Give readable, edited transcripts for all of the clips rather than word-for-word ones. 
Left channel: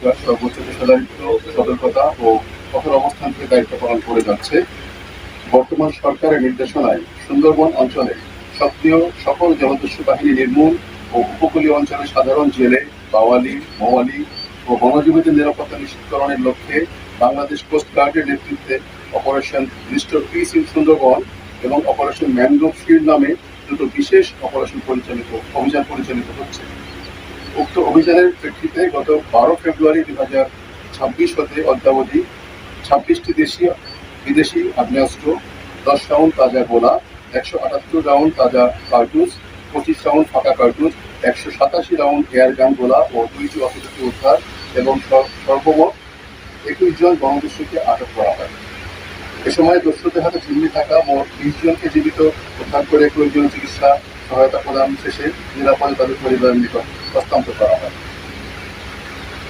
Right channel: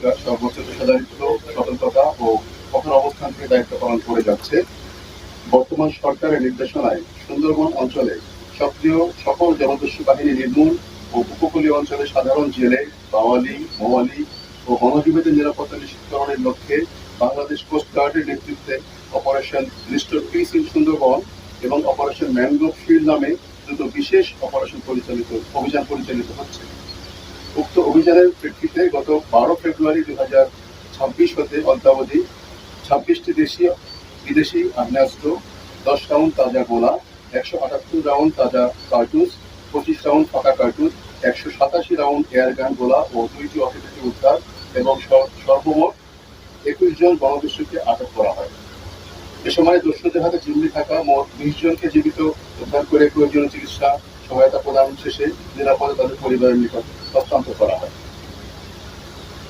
Coast guard সর্বোচ্চ পেশাদারিত্ব, সতর্কতা ও কঠোর অবস্থান থেকে দায়িত্ব পালন করে যাচ্ছে। বর্তমান সরকারের নির্দেশনায় সুন্দরবন অঞ্চলে সক্রিয় সকল জলদস্যু বাহিনী নির্মূল ও উপকূলীয় অঞ্চলে সাধারণ জেলে, বাওয়ালি, মৌয়ালি ও বনজীবীদের নিরাপত্তা নিশ্চিতকরণের লক্ষ্যে বাংলাদেশ কোস্ট গার্ডের নেতৃত্বে operation restore piece in Sundarban এবং অপারেশন ম্যানগ্রোভ শিল্ড নামে দুটো বিশেষ অভিযান পরিচালিত হচ্ছে। উক্ত অভিযানের প্রেক্ষিতে গত 12 ফেব্রুয়ারি 2026 হতে অদ্যাবধি 26টি দেশীয় বিদেশি আগ্নেয়াস্ত্র, 10 রাউন্ড তাজা গোলা, 178 রাউন্ড তাজা কার্তুজ, 25 রাউন্ড ফাঁকা কার্তুজ, 187 রাউন্ড এয়ারগান গোলা ও 2টি অস্ত্রকে উদ্ধার এবং সর্বমোট 21 জন বনদস্যুকে আটক করা হয়। এ সময় দস্যুদের হাতে জিম্মি থাকা মোট 20 জনকে জীবিত উদ্ধার করে প্রয়োজনীয় চিকিৎসা সহায়তা প্রদান শেষে নিরাপদে তাদের পরিবারের নিকট হস্তান্তর করা হয়।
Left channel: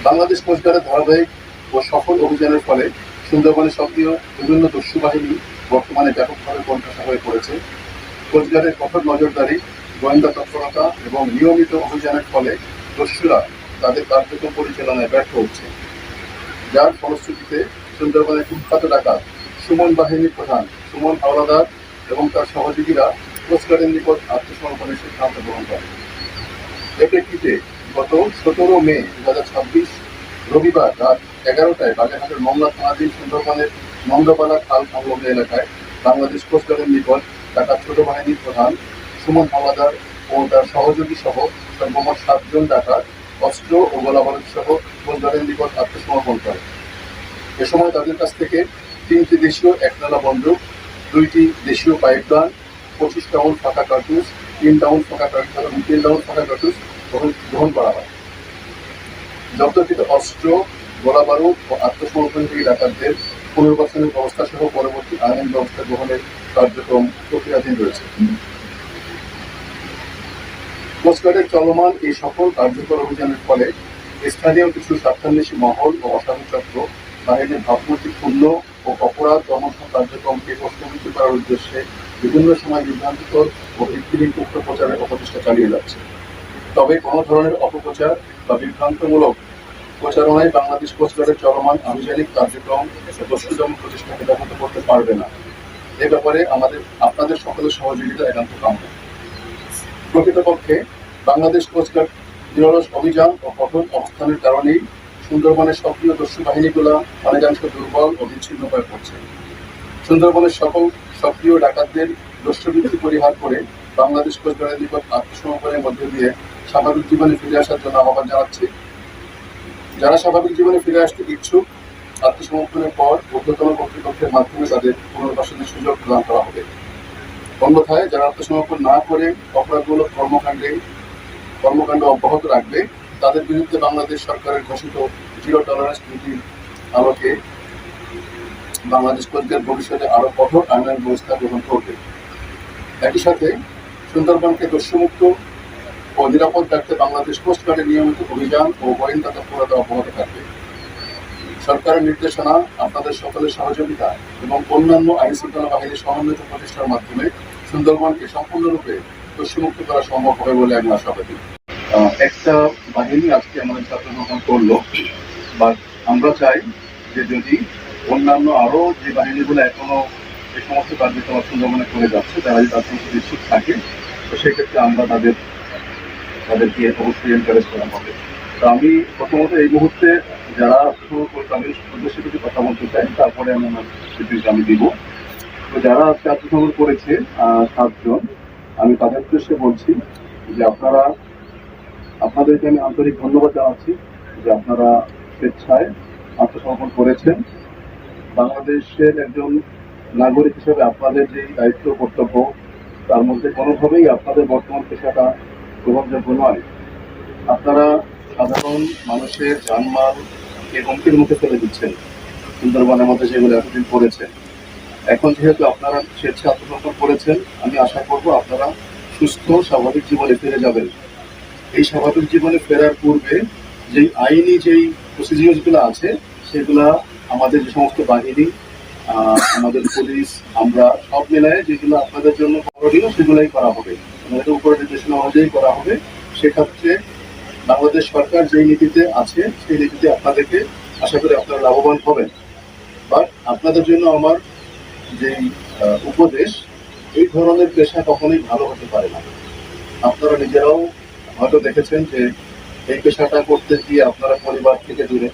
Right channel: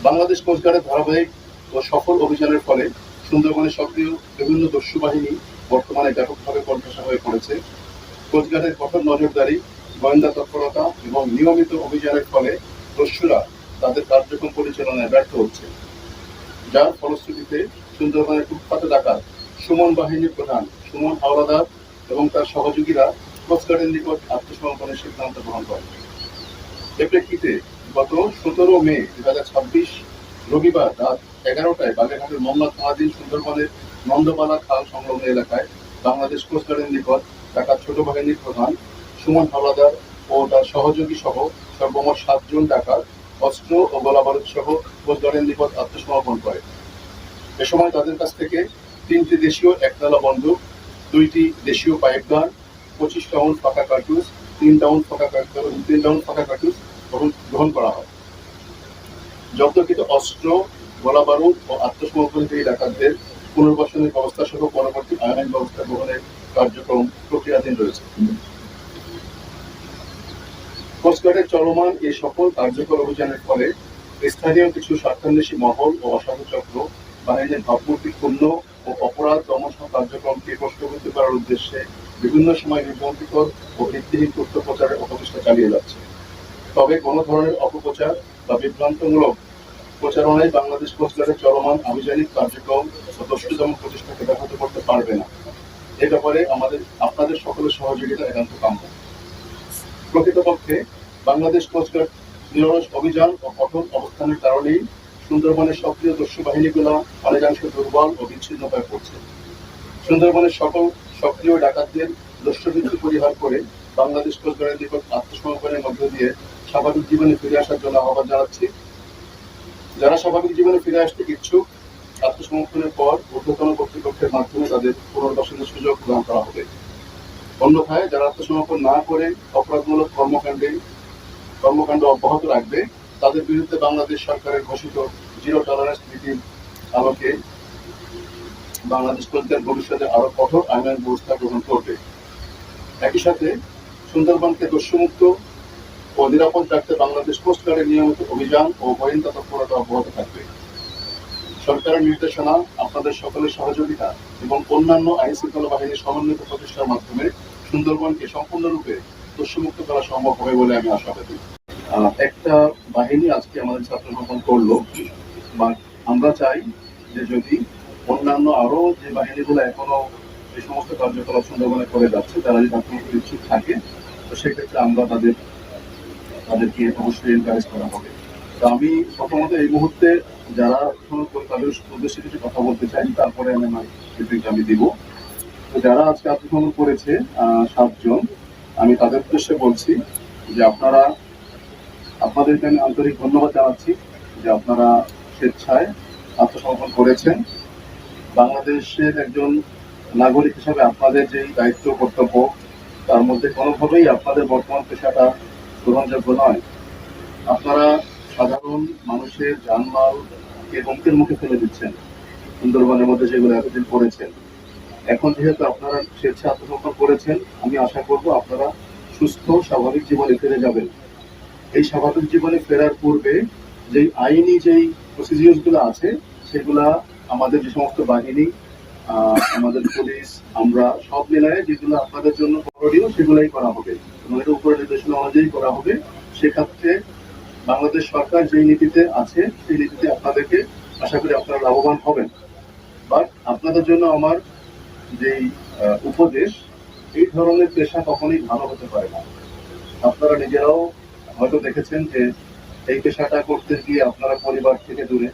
বাংলাদেশ কোস্টগার্ডের ধারাবাহিক ও সফল অভিযানের ফলে সুন্দরবনে সক্রিয় বিভিন্ন দস্যু বাহিনী বর্তমানে ব্যাপকভাবে কোণঠাসা হয়ে পড়েছে। কোস্টগার্ডের কঠোর নজরদারি, গোয়েন্দা তৎপরতা এবং নিয়মিত অভিযানের ফলে দস্যুরা তাদের কার্যক্রম পরিচালনায় ব্যর্থ হচ্ছে, যার ফলশ্রুতিতে সুন্দরবনের কুখ্যাত ডাকাত সুমন বাহিনীর প্রধান সুমন হাওলাদার এবং তার সহযোগীরা কোস্টগার্ডের নিকট আত্মসমর্পণের সিদ্ধান্ত গ্রহণ করে। এ প্রেক্ষিতে গত 17 মে 2026 রবিবার রাত 11টায় বাগেরহাটের মংলা থানাধীন সুন্দরবনের নন্দপালা খাল সংলগ্ন এলাকায় বাংলাদেশ কোস্টগার্ডের নিকট ডাকাত ছোট বাহিনীর প্রধান সুমন হাওলাদার ও তার সহযোগী সহ সর্বমোট 7 জন ডাকাত অস্ত্র ও গোলাবারুদ সহ কোস্টগার্ডের নিকট আত্মসমর্পণ করে। এ সময় তাদের কাছ থেকে 3টি দেশীয় একতলা বন্দুক, 2টি দেশীয় পাইপগান, 25 রাউন্ড ফাঁকা কার্তুজ, 3 রাউন্ড ফাঁকা কার্তুজ গ্রহণ করা হয়। জব্দকৃত অস্ত্র, গোলাবারুদ ও আত্মসমর্পণকারী ডাকাতদের পুনর্বাসনের ব্যবস্থা সহ পরবর্তী আইনের ব্যবস্থা গ্রহণের কার্যক্রম প্রক্রিয়াধীন রয়েছে। কোস্টগার্ডের চলমান এই সকল কার্যকর অভিযানের ফলে স্থানীয় কিছু স্বার্থান্বেষী মহল ও অসাধু চক্র বাহিনীর ভাবমূর্তি পূর্ণ ও অপরাধ দমন কার্যক্রমকে প্রশ্নবিদ্ধ করার উদ্দেশ্যে বিভিন্ন সময় বিভ্রান্তিকর ও ভিত্তিহীন তথ্য প্রচারের অপচেষ্টা চালিয়ে যাচ্ছে। তবে কোনো ধরনের অপপ্রচার বা বিভ্রান্তমূলক প্রচারণায় বাংলাদেশ কোস্টগার্ডের চলমান আভিযানিক কার্যক্রম ও দস্যু দমন প্রচেষ্টাকে ব্যাহত করতে পারবে না। এ ব্যাপারে আপনাদের সকলের সহযোগিতা একান্ত কাম্য। প্রকৃতপক্ষে বাংলাদেশ কোস্টগার্ড নিরলস অভিযান ও কঠোর অবস্থানের কারণেই সুন্দরবনের সক্রিয় দস্যু বাহিনীগুলো অনেকাংশ দুর্বল ও বিচ্ছিন্ন হয়ে পড়ছে। সুন্দরবনের সকল সক্রিয় ডাকাতদের দস্যুবৃত্তি পরিহার করে বাংলাদেশ কোস্টগার্ডের নিকট আত্মসমর্পণের মধ্য দিয়ে স্বাভাবিক জীবনে ফিরে আসার জন্য আহ্বান জানাচ্ছি। যারা স্বাভাবিক জীবনে ফিরে আসতে ইচ্ছুক, আত্মসমর্পণের পর ঊর্ধ্বতন কর্তৃপক্ষের মাধ্যমে তাদের পুনর্বাসনের সুযোগ প্রদান করা হবে। অন্যথায় যারা আত্মসমর্পণ না করে অপরাধমূলক কর্মকাণ্ড অব্যাহত রাখবে, তাদের বিরুদ্ধে বাংলাদেশ সরকারের ঘোষিত 0 টলারেন্স নীতির আলোকে বাংলাদেশ কোস্টগার্ড ভবিষ্যতে আরো কঠোর আইনের ব্যবস্থা গ্রহণ করবে। একই সাথে সুন্দরবনকে দস্যুমুক্ত ও নিরাপদ রাখতে বাংলাদেশ কোস্টগার্ডের নিয়মিত অভিযান ও গোয়েন্দা তৎপরতা অব্যাহত থাকবে। সরকারের নির্দেশনা, আপনাদের সকলের সহযোগিতা এবং অন্যান্য আইন শৃঙ্খলা বাহিনীর সমন্বিত প্রচেষ্টার মাধ্যমে সুন্দরবনকে সম্পূর্ণরূপে দস্যুমুক্ত করা সম্ভব হবে বলে আমি আশাবাদী। একটা বাহিনী আজকে আমাদের আত্মসমর্পণ করলো, বাট আমরা চাই যে যদি অন্যান্য আরো যে বাহিনীগুলো এখনো যে সমস্ত কার্যকলাপ সুন্দরবনে করে যাচ্ছে, তারা যদি আত্মসমর্পণ ইচ্ছুক থাকে, তো সেক্ষেত্রে আমরা তাদেরকে অবশ্যই এনকারেজ করা হবে। তো আমি প্রথমত এই মুহূর্তে যারা তাদের উদ্দেশ্যে কিছু কথা বলতে চাই, তারপরে আমি আমার বিবৃতি আমি দিব। তো যারা আজকে আত্মসমর্পণ করেছে 7 জন, আমি তাদের উদ্দেশ্যে বলছি যে আপনাদেরকে আমি আন্তরিক ধন্যবাদ জানাচ্ছি যে আপনারা স্বেচ্ছায় আত্মসমর্পণ করেছেন। বাংলাদেশের একজন নাগরিক হিসাবে আপনাদের যেই দায়িত্ব কর্তব্য, তার মধ্যে কোনোভাবেই আপনাদের বর্তমান পেশাটা গ্রহণযোগ্য নয়। আপনারা সাধারণ মানুষের জানমালকে হুমকির মুখে ফেলে দিচ্ছেন সুন্দরবনের মধ্যে, যেগুলো এতদিন করেছেন। এখন যেহেতু আপনারা স্বেচ্ছা আত্মসমর্পণ করেছেন, আমি আশা করব আপনারা সুস্থ স্বাভাবিক জীবনে ফিরে যাবেন। এই স্বাভাবিক জীবনে ফেরার পূর্বে যেই আইনি যেই প্রসিডিউরগুলো আছে, সেগুলা আমাদের যে সমস্ত বাহিনী, আমাদের পুলিশ, আমরা সব মিলায় যেগুলো আপনাদের জন্য করণীয় সেগুলাই করা হবে, আমাদের উপর নির্দেশনা অনুযায়ী করা হবে। সেক্ষেত্রে বাংলাদেশ সরকার যেই নীতিতে আছে সেই নীতিতে আপনাদেরকে আশা করি আপনারা লাভবান হবেন। বাট আপনাদের জন্য আমার যেই উপদেশ, এই ধরনের পেশা কখনোই ভালো হতে পারে না। আপনারা নিজেরাও হয়তো দেখেছেন যে এই পেশাটা করতে গিয়ে আপনারা পরিবার থেকে দূরে,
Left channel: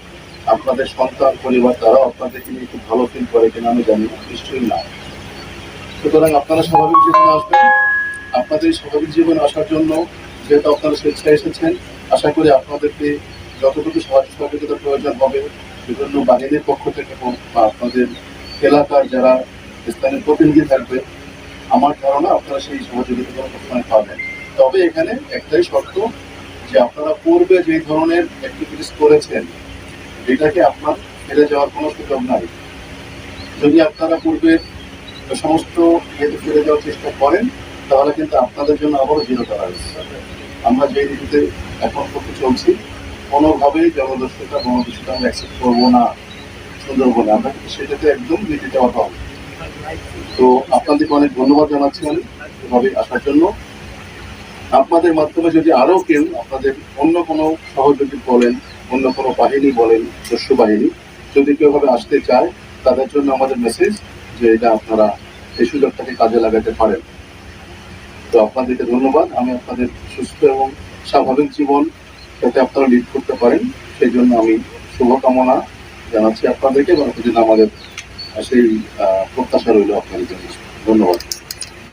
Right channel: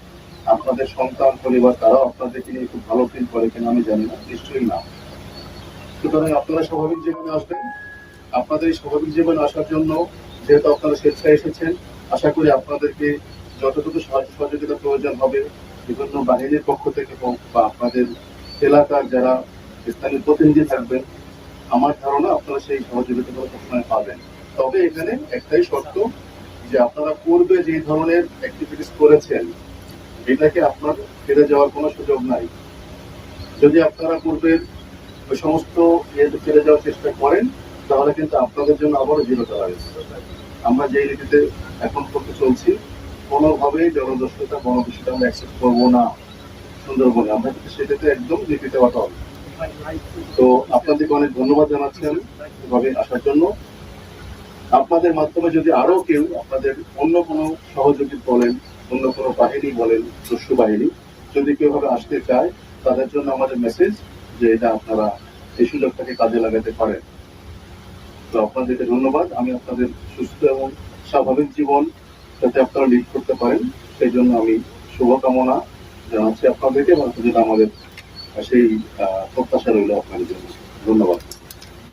আপনাদের সন্তান পরিবার তারাও আপনাদেরকে নিয়ে খুব ভালো ফিল করে কিনা আমি জানি না, নিশ্চয়ই না। সুতরাং আপনারা স্বাভাবিক জীবনে আসবেন। আপনাদের এই স্বাভাবিক জীবনে আসার জন্য যেহেতু আপনারা স্বেচ্ছায় এসেছেন, আশা করি আপনাদেরকে যতটুকু সাহায্য সহযোগিতার প্রয়োজন হবে বিভিন্ন বাহিনীর পক্ষ থেকে হোক বা আপনাদের এলাকার যারা স্থানীয় প্রতিনিধি থাকবেন, আমার ধারণা আপনারা সেই সহযোগিতাগুলো সবসময় পাবেন। তবে এখানে একটাই শর্ত, যে আপনারা পূর্বে যে ধরনের অ্যাক্টিভিটিস করেছেন এটাকে আপনার ফিরে যাওয়ার কোনো সুযোগ নাই। যদি আপনারা পূর্বের সমস্ত ইয়েতে ফিরে যাওয়ার চেষ্টা করেন তাহলে কিন্তু আপনাদের জন্য আবারও জিরো টলারেন্স। আমরা যে নীতিতে এখন করতে চলছি, কোনোভাবেই জনদস্যুতা বনদস্যুতা আমরা অ্যাকসেপ্ট করবো না সুন্দরবনে। আমরা কিন্তু সেটাতে একদম নীতিতে অটল। তো আপনাদেরকে অনেক ধন্যবাদ জানাচ্ছি আমি এভাবে আসার জন্য। আপনাদের মাধ্যমে যদি আরো কেউ আপনাদের অন্য কোনো সহযোগী বলেন, অন্য কোনো বাহিনী বলেন, দস্যু বাহিনী যদি কেউ ভাবে আসতে চায়, তাদের জন্য আমাদের মেসেজ যে এটা আপনারা এই সুযোগটাকে কাজে লাগাতে পারেন। তো আপনাদেরকে ধন্যবাদ। আমি আপনাদের সুস্থ এবং স্বাভাবিক জীবন যাতে আপনারা লিড করতে পারেন সেই জন্য আমি শুভকামনা জানাচ্ছি আপনাদেরকে, এবং সেজন্য আমাদের সেই প্রত্যাশা রইল আপনাদের জন্য। ধন্যবাদ।